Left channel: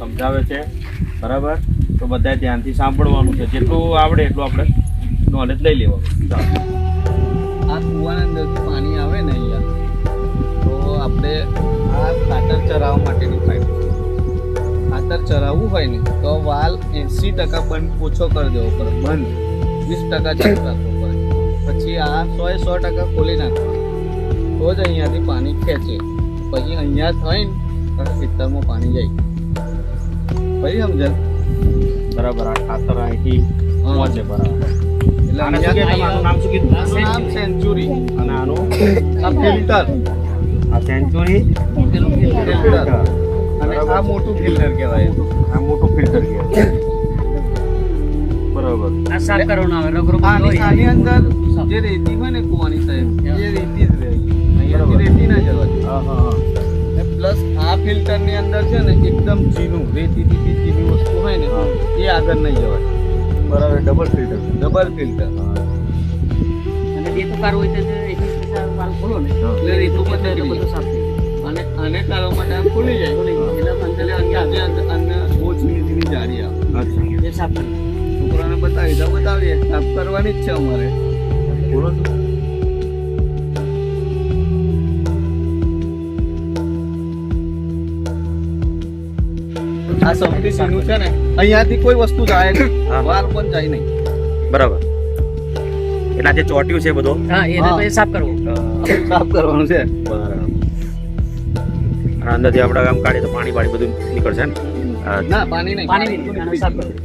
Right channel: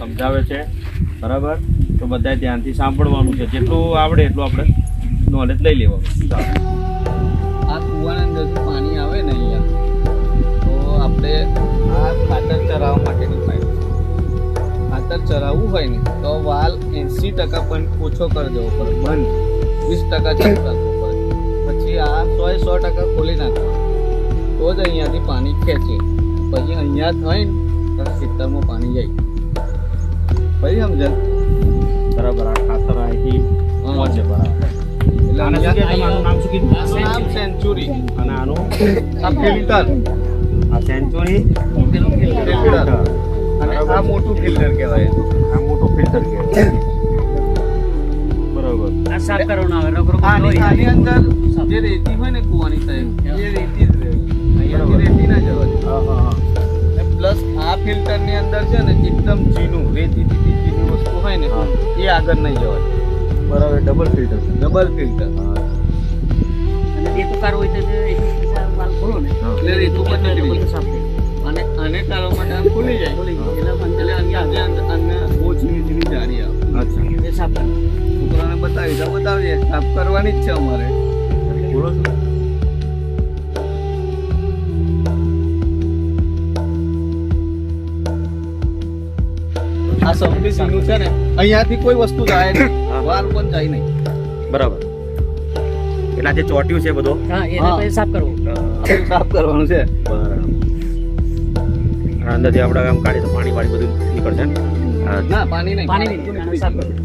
સમજાવે છે, બરાબર? તો બધાએ ધ્યાનથી સાંભળવાનું છે, જેટલું આવડે એટલું આપણે નોલેજ લઈ લેવાનું. ચાલો. આ કૂવાના અંદરથી પાણી આવે ને અહીંયા, તો આપણે આ ખાતર ચરાવવા માટેની પાઇપ. ખાતર ચરાવવું હોય ને તો વાલ 80% પણ ઓછો કરી દેવો પડે, બંધ 20% ચાલુ રાખવો પડે. પછી આ 100% ખોલી નાખવાનું, તો જ અહીંયાથી પાણી ખેંચે. પછી અહીંયા થઈને ખેતરમાં પાણી જાય. પછી સમજે બરાબર? આ ખાતર અહીંથી પહોંચે, બરાબર? એટલે આને શું કહેવાય? તમારું નામ શું કીધું? આનું નામ સેન્ચુરી. અને આનું આ ફિલ્ટર, આ સેન્ચુરી ફિલ્ટર. અને આ મોટું ફિલ્ટર કહેવાય. આ મોટું ફિલ્ટર કહેવાય, બરાબર? આ સાફ કરવાનું આવે રગરો આની અંદર જે રેતી હોય ને કૂવાની સાહેબ, એ રેતી જ રહે. અહીંયાથી રેતી ના જવા દે. હા હા હા. ને પ્લસ આ ફિલ્ટર ની અંદર છે ને એકદમ ઝીણું રેતીથી ઝીણી વસ્તુ હોય ને એ આગળ નહીં જવા દે. બરાબર, ડબલ ફિલ્ટર. Double filter. અને એ તો કારો હોય તો એથી પૈસા વાલ ખોલો ને એટલે રેતું એટલે પણ બધું બધું સાફ થઈ અને આને કરવા માટે આમ ખુલી જાય. એટલે અંદર બોચ નીચેની જાળી આવે. અચ્છા, જાય એ સાફ કરી છોકરાને બતાવીએ સાફ કરવાની જ છે અમારે. બોલો છો. આ સૌથી સીનું છે ને, અહીંયાથી કોઈ વસ્તુ જાય નહીં, હા. વાલ પણ જાય નહીં. બરાબર. એટલે આ જે ચોટ્યું છે બધો, હા એને પછી સાફ કરવો આપણે સાફ કરવાનું છે. બરાબર. અને અંદરથી આપણે આમ કાઢી તો પાણી બધું નીકળશે ને? ના, પાણી નહીં. પાણી નહીં આને સાફ કરવું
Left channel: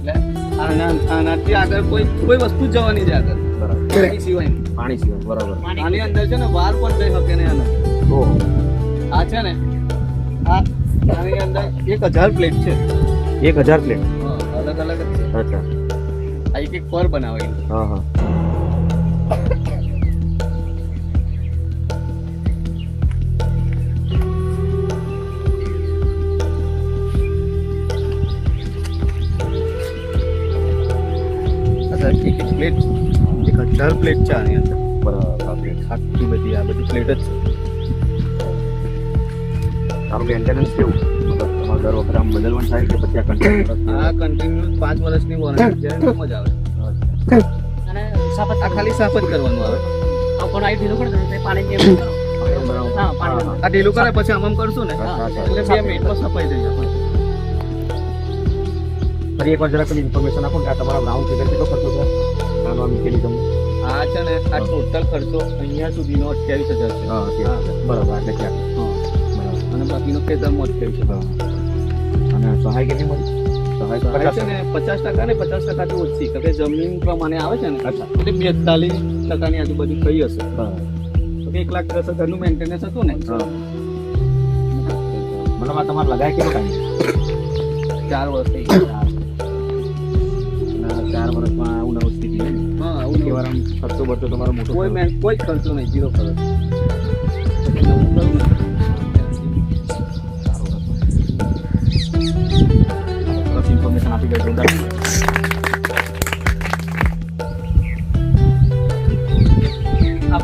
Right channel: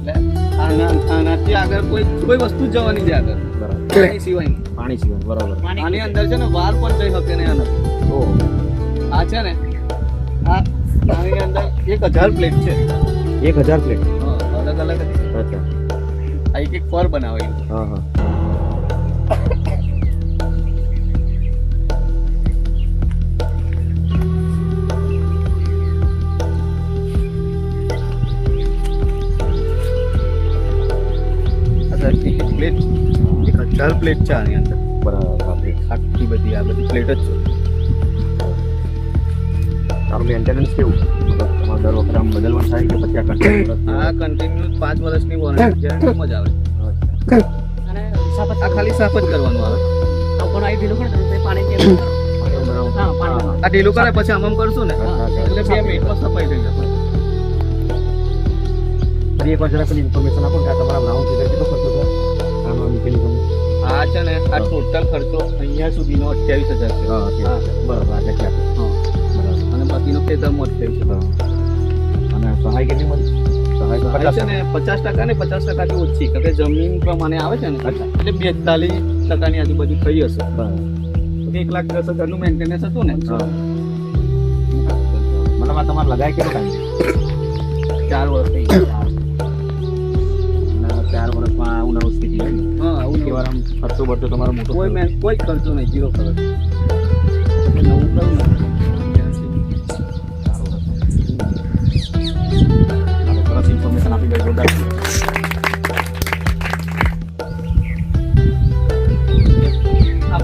એટલે આનાથી આગળ કોઈ વસ્તુ જ જવાની છે આગળ, બરાબર. પાણી સિવાય. પાણી સિવાય, બરાબર. આની અંદર છે ને વાલ પણ જઈ શકે નહીં આનાથી. ઓહો. આ છે ને, આની અંદર 1000 પ્લેટ છે. 1000 પ્લેટ. હા, અલગ અલગ જ છે. અચ્છા. આ એક પર બનાવેલું છે. હા હા. એક પ્લેટ 1000 પ્લેટ છે આની અંદર. બરાબર. આ પ્લેટ. આખી બધી આ બધી પ્લેટ જ છે. તારું મેન્ટેનન્સ કેવું? મતલબ તમારે દર વખતે આમ બદલવાનું થાય કે પછી આ કન્ટિન્યુ? આ કન્ટિન્યુ 5 વર્ષની વોરંટી ગેરંટીમાં જ આવે. અને સાફ જ આ ખાલી સાફ જ કરવાનું આવે. આ કોણ આવી ઢીલું કરી દે તો પાણી જેમ કરો હા પાણી આ ઢીલું કરે પછી આમ કરશું ને અચ્છા, અચ્છા. એટલે 2 મિનિટમાં સફાઈ થઈ જશે. ફરી એકવાર જરા પેલી ઇન્ફોર્મેશન આપો કે આ તમારા બ્રાઉન ફિગર કેટલો ખર્ચો છે આનો મિકેનિઝમ? આ છે ને આ ટોટલ ખર્ચો અહીંયા સુધીનો 28000 છે. હા, બરાબર. એટલે ક્યાં? હા. બરાબર. અને બાકીનો ખેતરમાં 28,000. હા. અને સહાય કેટલી મળી? સહાય તો સહાય છે ને 50% ને 50% થી ઓછી, કારણ કે જમીન પ્રમાણે આવે છે ને, અચ્છા. એટલે 42% ની આજુબાજુ થઈ હશે. બરાબર. તો 1,10,000 નું મેન્ટેનન્સ હતું ને. હા. મતલબ આ તમારે લગાય કેટલો ટાઈમ? 4 વર્ષ થઈ ગયા. અને 4 વર્ષમાં આવું નવું સ્થિતિ હોય ને? હા, આવું કેવાર આમ ખર્ચો બરચો તમારો મોટો કોઈ ખર્ચો નહીં, 0 ખર્ચ. પછી નવું કરું ને 4 વર્ષ. સરસ ઇન્ફોર્મેશન આપી ભાઈ, જોરદાર. આ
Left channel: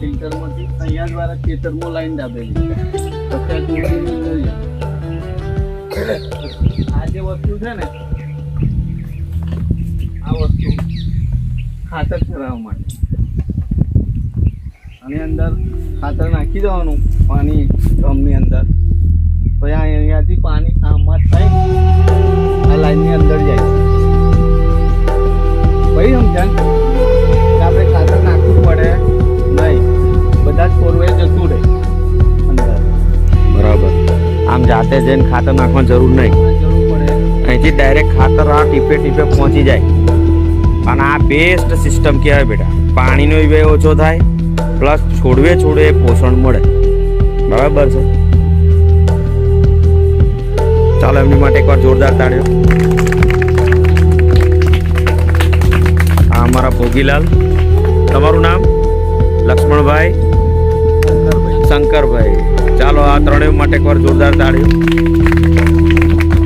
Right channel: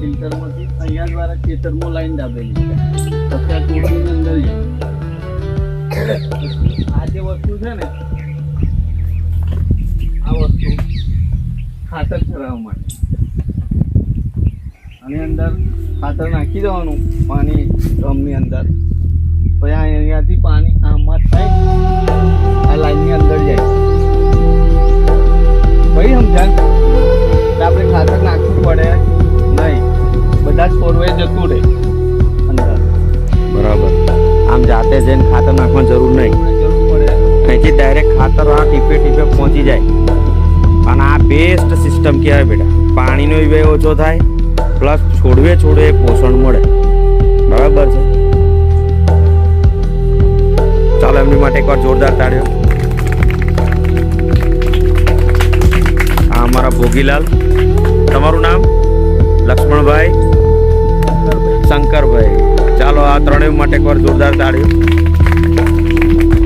ફિલ્ટરમાંથી અહીંયા દ્વારા ખેતરમાં લાઈન દાબેલી છે. પછી આ ટોટીની અંદર જાય. આ જે વસ્તુ છે ને, આ વસ્તુ ખાતર ચરાવવા માટે. આની અંદર ખાતર નાખી દેવાનું પાણી ડ્રમની અંદર. પછી અહીંયાથી પાણી આમાં થાય, આ લાઈનની અંદર જાય. ભાઈ સમજાય? આપણે ખાતર નાખવું પડે નહીં, બધા જ ફોરવે જતું રહે અંદર. બરાબર. આમ જાતે જઈને ખાતર નાખવાની જરૂર નહીં, જરૂર પડે. અહીંથી ડાયરેક્ટ ખાતર આ ટીપે ટીપે પહોંચી જાય. અને આ બેસ્ટ સિસ્ટમ કહેવાય બેટા. પાણીનો વ્યય ઓછો થાય, પ્લસ છોડવે પોષણ મળે. બરાબર છે? ચાલો એમની માટે એકવાર જોરદાર તાળીઓ. આ અમારા ભોગીલાલ. તમારું નામ? લક્ષ્મણભાઈ, શંકરભાઈ. ચાલો આ ત્રણેય માટે એકવાર જોરદાર તાળીઓ.